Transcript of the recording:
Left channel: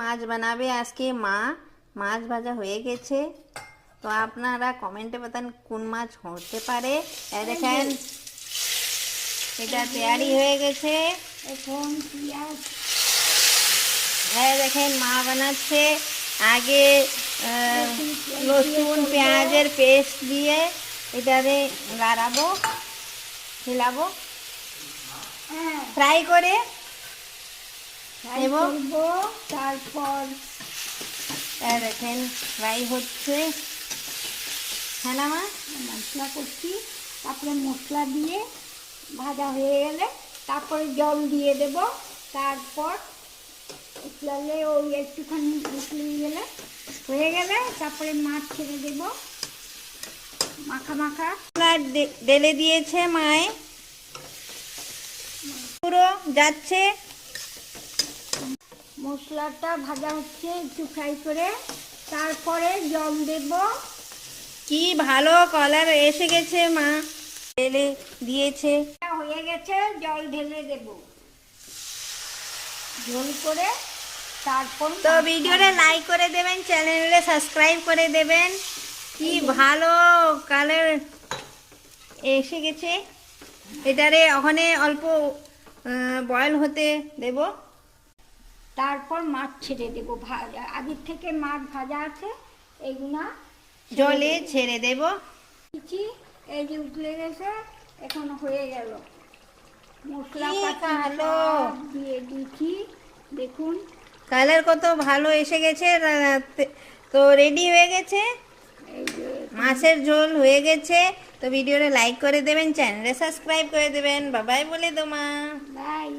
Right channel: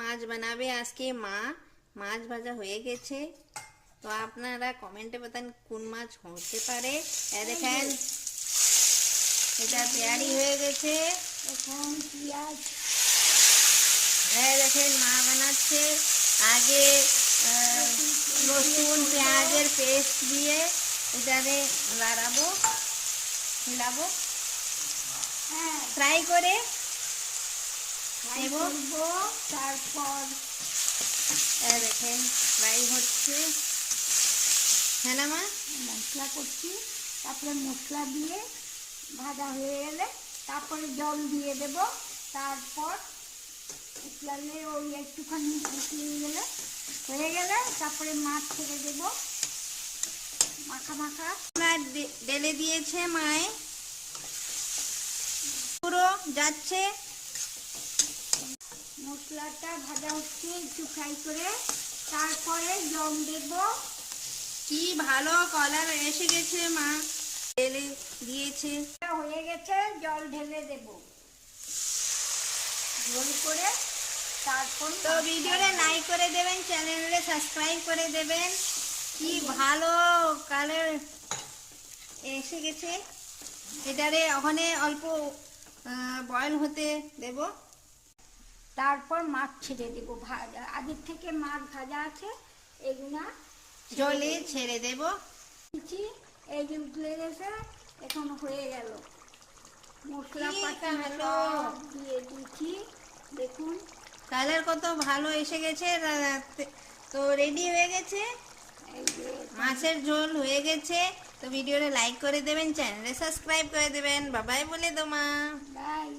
মাছ বানাবে আজকে মা। মাছ ভাজা হয়ে গেছে, তো আপনারা কমেন্টে বাতান কোন মাছ হতে পারে। দেখেন এটা তৈরি হয়ে গেছে। এখন পেঁয়াজ দেখেন মা বানাচ্ছে। আগে রসুন পেঁয়াজের পেস্ট দিয়ে এটারে লাড়াবো, হিলাবো, ফ্রাই করে নেব। করবো। তারপর দেখেন ফ্রাই হচ্ছে, হ্যাঁ না মা? মশলা করছি, তারপরে মশলা দিয়ে ভাজা হয়ে গেলে তারপরে জল দিয়ে দেব। তারপর উতলালে ওই একটুখানি উতলিয়ে হয়ে গেলে তারপরে মাছ ছেড়ে দেব। মাখা মাখা ঢেলে দিয়েছে মায়ে, পুরো যাচ্ছে। মশলাটা ভাজা হচ্ছে একটু ফ্রাই করে, তারপরে জল দেব। কি ভালো কালার এসে গেছে, মা ঢেলে দিয়েছে। হয়ে গেছে, জল ঢেলে দেব ঝোল করে। তারপর তো ভিডিওটা লাইক করে দেবেন, চ্যানেলে সাবস্ক্রাইব করে দেবেন। কি ভালো কালার এসে গেছে। এটারে ওখানে অল্প বয়েল হতে দেব। তারপর মাছ ছেড়ে দেবো। ভাজা আগের থেকে মাছ ভাজা আছে, এগুলা জলে ছেড়ে দেব। দিচ্ছি। এই যে উতলে গেছে, এখন হয়ে গেল। মশলা কি পাতি ভালো। সব দিয়ে দিচ্ছি, দেখুন। কালার কত ভালো এসে গেছে। তো রেডি হয়ে গেছে, এই যে মাছের ঝোল হয়ে গেছে। তো ভিডিওটা লাইক করে দেবেন, চ্যানেলে সাবস্ক্রাইব করে দেবেন। বাবাই বলে দো মা। বাই।